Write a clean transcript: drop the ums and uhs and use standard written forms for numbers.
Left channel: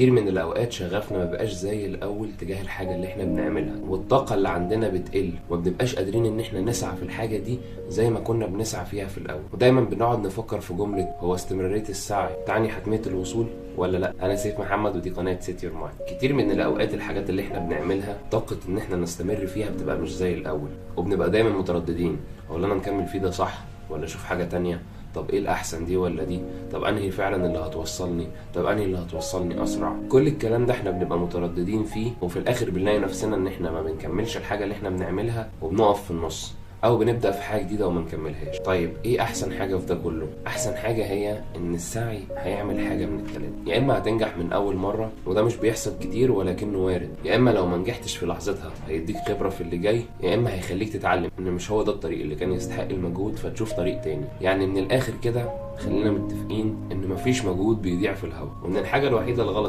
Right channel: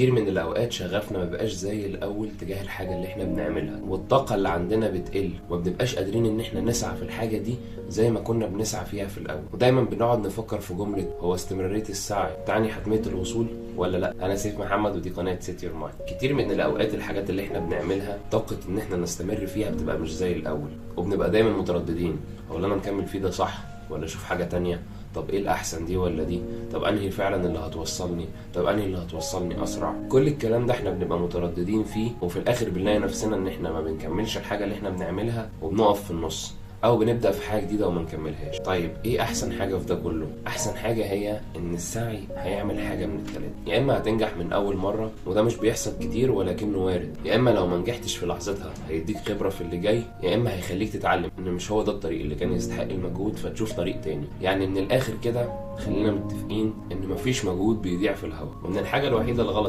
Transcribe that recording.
كتير من الأوقات شغفنا ما بقاش زي الأول تجاه الحاجة اللي احنا بنعملها، والطاقة اللي عندنا بتقل وما بنبقاش قادرين إن احنا نسعى في الحاجة دي زي ما كنا بنسعى فيها في الأول. ودايما بنقعد نفكر في جملة: هو استمرارية السعي تعني حتمية الوصول ولا لا؟ أنا سيف محمد ودي قناة سيت يور مايند. كتير من الأوقات الحاجات اللي احنا بنعملها طاقة إن احنا نستمر فيها بتبقى مش زي الأول، وبنبقى دايما مترددين: ولا أنا مكمل فيه ده صح ولا أشوف حاجة تانية؟ طب ايه الاحسن، دي ولا دي؟ طب انهي فعلا اللي هتوصلني؟ طب انهي اللي هتوصلني اسرع؟ كل الكلام ده احنا بنبقى مترددين فيه، وفي الاخر بنلاقي نفسنا ان احنا ما بنكملش الحاجه اللي احنا بنعملها وبنقف في النص، او بنبدا في حاجه جديده وما نكملهاش. طيب ايه احسن حاجه في ده كله؟ احسن حاجه هي ان السعي هيعمل حاجه من الثلاثه: يا اما هتنجح من اول مره وده مش بيحصل كتير ولكنه وارد، يا اما لو ما نجحتش في لحظتها هيديك خبره في اللي جاي، يا اما هيخليك تتعلم ان مش هو ده الطريق اللي كان يستحق المجهود فتشوف طريق تاني. يعني من الاخر كده خلينا متفقين ان مفيش مجهود بيضيع في الهوا، وان الحاجه الوحيده الغلط